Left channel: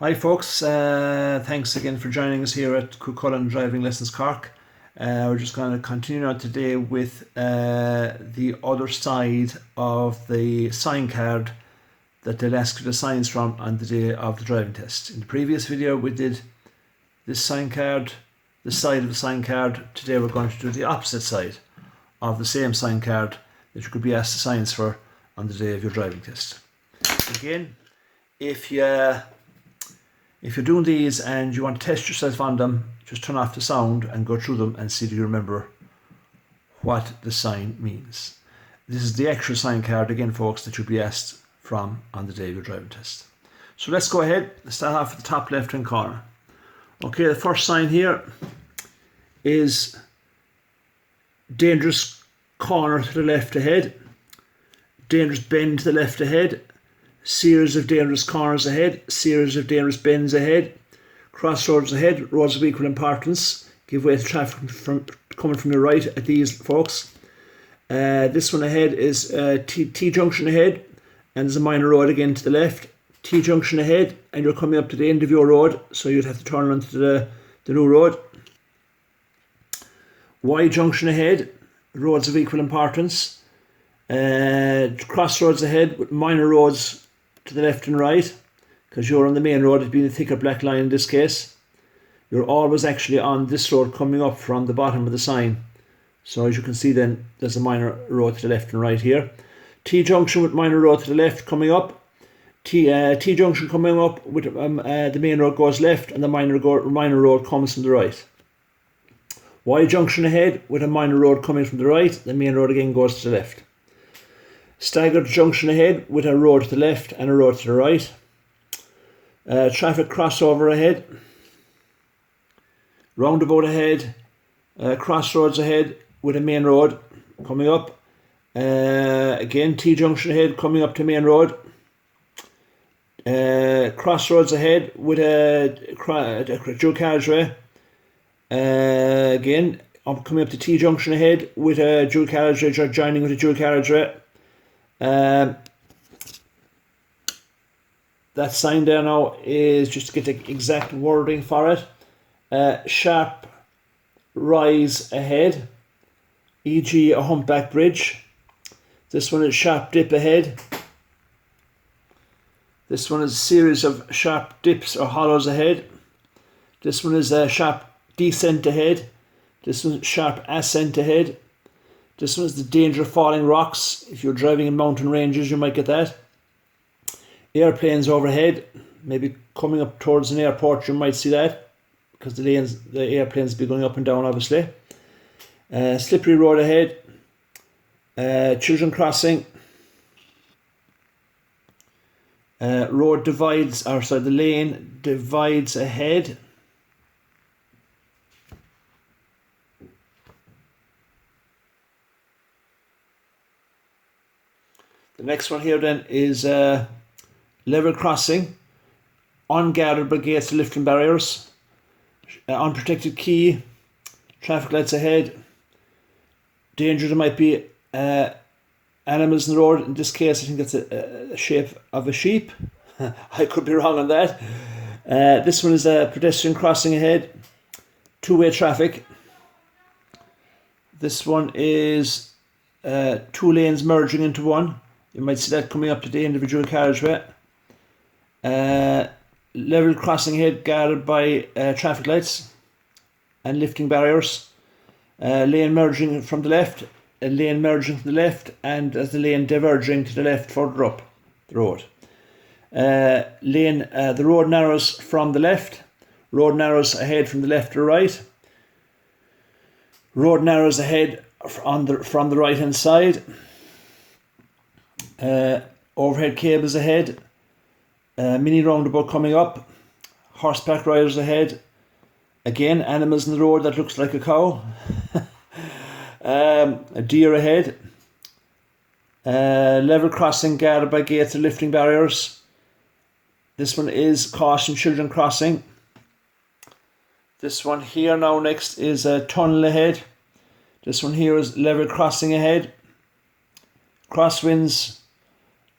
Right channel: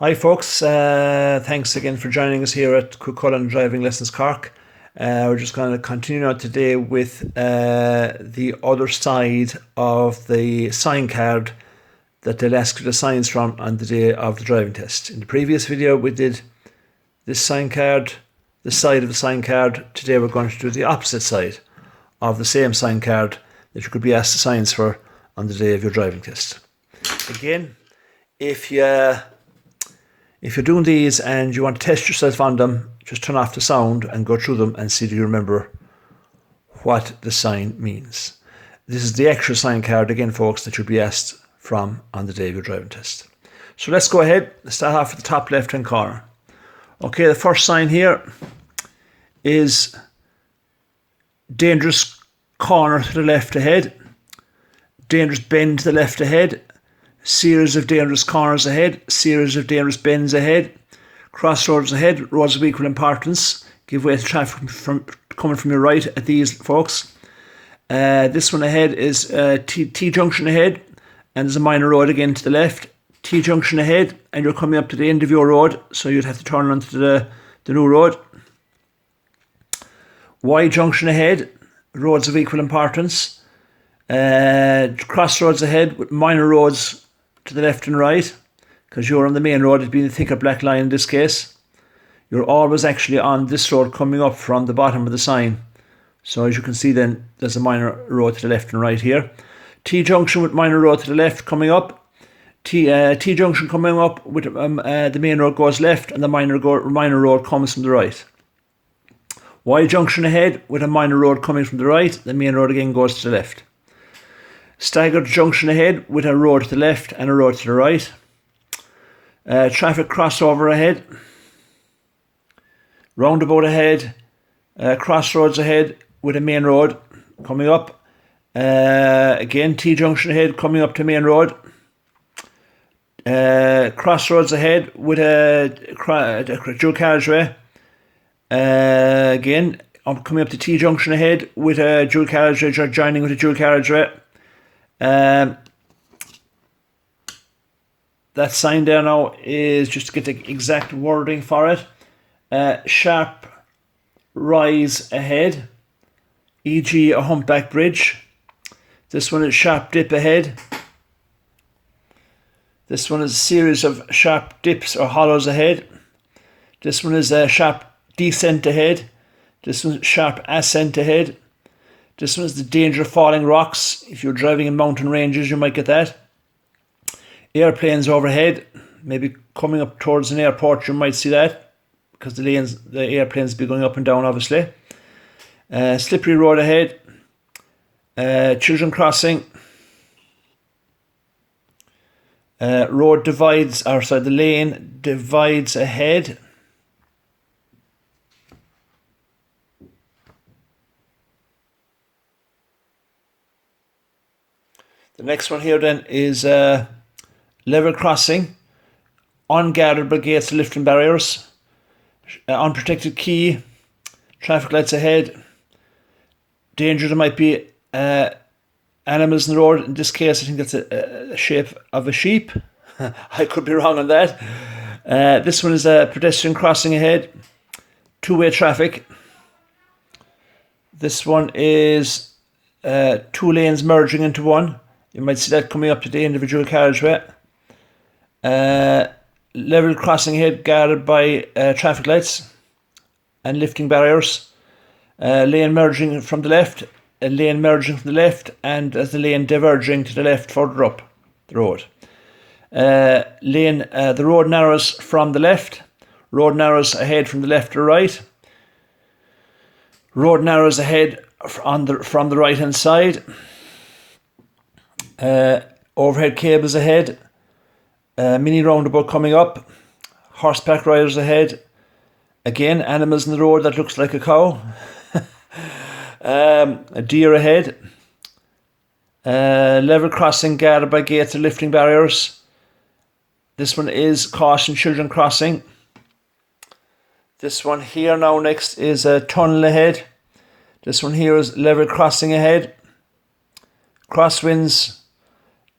Hi folks, thanks again for joining us here at Cú-Chulainn Driving Lessons Cork. We're just going to continue on today with the other side of the sign card that they'll ask you the signs from on the day of the driving test. In the previous video we did this sign card, the side of the sign card. Today we're going to do the opposite side of the same sign card that you could be asked the signs for on the day of your driving test. Again, if you're doing these and you want to test yourself on them, just turn off the sound and go through them and see if you remember what the sign means. This is the actual sign card, again, folks, that you'll be asked from on the day of your driving test. So let's go ahead and start off at the top left-hand corner. Okay, the first sign here is dangerous corner to the left ahead, dangerous bend to the left ahead, series of dangerous corners ahead, series of dangerous bends ahead, crossroads ahead, roads of equal importance, give way to traffic coming from your right at these, folks. This one ahead is T-Junction Ahead, and there's a minor road again to the left. T-Junction Ahead, and you're coming up to the end of your road, so you'd have to turn onto the new road. Y-Junction Ahead, roads of equal importance. Crossroads ahead with minor roads to the left and right, because you're on the main road. It'd be the thicker black line in this case. You're always actually on this road coming up from the bottom of the sign. So as you can see then, there's a minor road to the left and right here. T-junction with minor road to the left coming up. T-junction coming up with the main road goes left and the minor road comes from the right. Y-junction ahead with a minor road coming from the right. The main road again goes to the left. Staggered junction ahead with a road to the left and a road to the right. Traffic crossover ahead. Roundabout ahead. Crossroads ahead with a main road coming up. Again, T-junction ahead coming up to main road. Crossroads ahead with a dual carriageway. Again, I'm coming up to T-junction ahead with a dual carriageway, joining with a dual carriageway. That sign there now is, just to get the exact wording for it, sharp rise ahead, e.g. a humpback bridge. This one is sharp dip ahead. This one is a series of sharp dips or hollows ahead. This one is a sharp descent ahead. This one is sharp ascent ahead. This one is the danger of falling rocks. If you're driving in mountain ranges, you might get that. Airplanes overhead, maybe coming up towards an airport, you might see that, because the airplanes will be going up and down, obviously. Slippery road ahead. Children crossing. The lane divides ahead. The next one here then is level crossing, unguarded by gates and lifting barriers, unprotected quay, traffic lights ahead, danger there might be animals in the road. In this case I think that's a shape of a sheep. I could be wrong on that. This one is a pedestrian crossing ahead, two-way traffic. This one is two lanes merging into one. You might see that coming up to the individual carriageway. Level crossing ahead, guarded by traffic lights and lifting barriers. Lane merging from the left, a lane merging from the left, and as the lane diverging to the left further up the road. The road narrows from the left. Road narrows ahead from the left to right. Road narrows ahead from the right hand side. Overhead cables ahead, mini roundabout coming up, horseback riders ahead, again animals in the road that looks like a cow, a deer ahead, level crossing guarded by gates and lifting barriers. This one is caution children crossing. This one here now next is a tunnel ahead. This one here is level crossing ahead, crosswinds.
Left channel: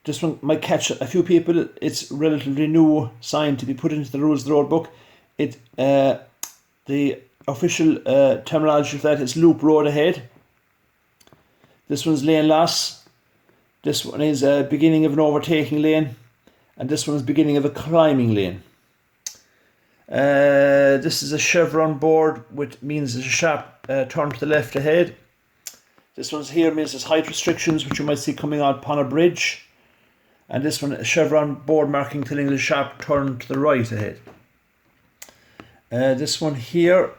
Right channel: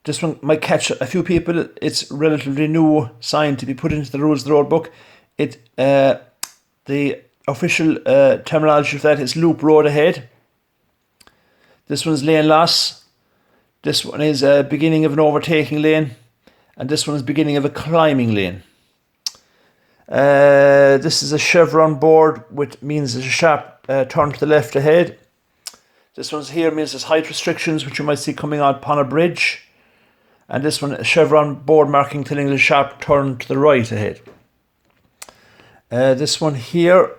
This one might catch a few people. It's relatively new sign to be put into the rules of the road book. The official terminology for that is loop road ahead. This one's lane loss. This one is beginning of an overtaking lane. And this one is beginning of a climbing lane. This is a Chevron board, which means there's a sharp turn to the left ahead. This one's here means there's height restrictions, which you might see coming out upon a bridge. And this one, a Chevron board marking telling there's a sharp turn to the right ahead. This one here,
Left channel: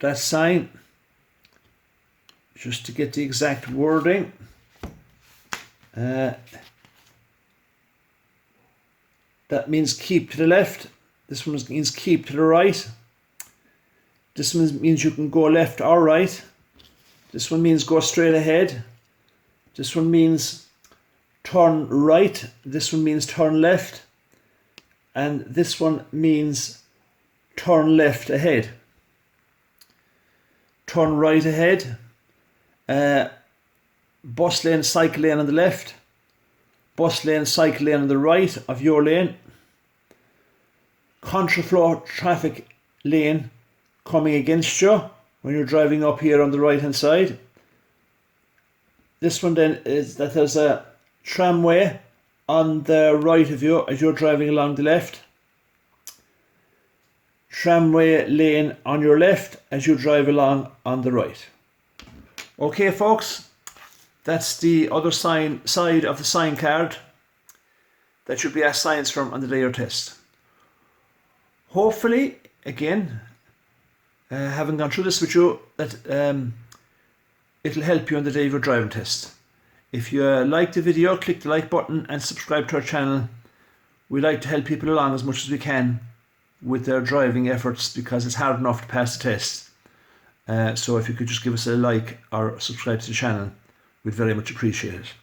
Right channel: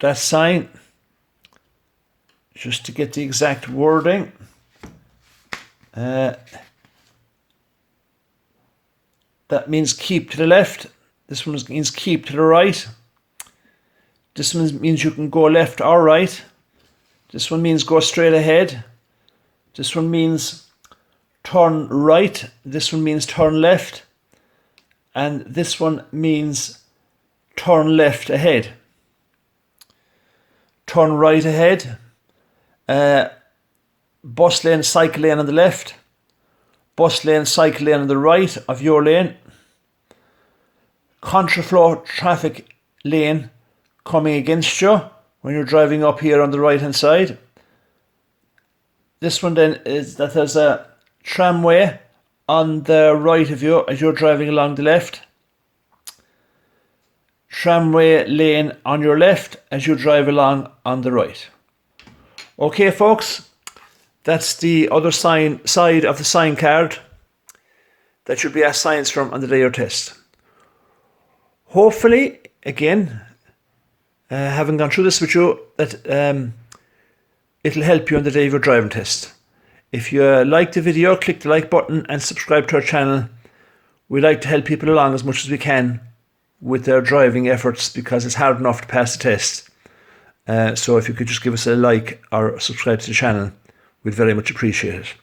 that sign, just to get the exact wording. That means keep to the left. This one means keep to the right. This one means you can go left or right. This one means go straight ahead. This one means turn right. This one means turn left. And this one means turn left ahead. Turn right ahead. Bus lane, cycle lane on the left. Bus lane, cycle lane on the right of your lane. Contraflow traffic lane coming against you when you're driving up here on the right hand side. This one then is that there's a tramway on the right of you as you're driving along the left. Tramway lane on your left as you drive along on the right. Okay, folks, that's the other side of the sign card that you'll be asked signs from on the day of your test. Hopefully, again, having gone through this with you, that it'll help you on the day of your driving test. If you like the video, click the like button and subscribe to our channel. We like to help people along as much as we can with their driving efforts because it's hard enough to pass the test. So if you could just give us a like or subscribe to the channel, we'd very much appreciate it.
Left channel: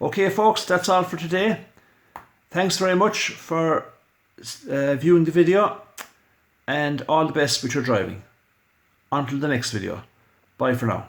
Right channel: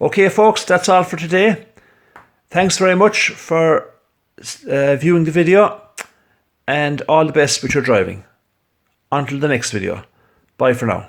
Okay, folks, that's all for today. Thanks very much for viewing the video, and all the best with your driving. Until the next video. Bye for now.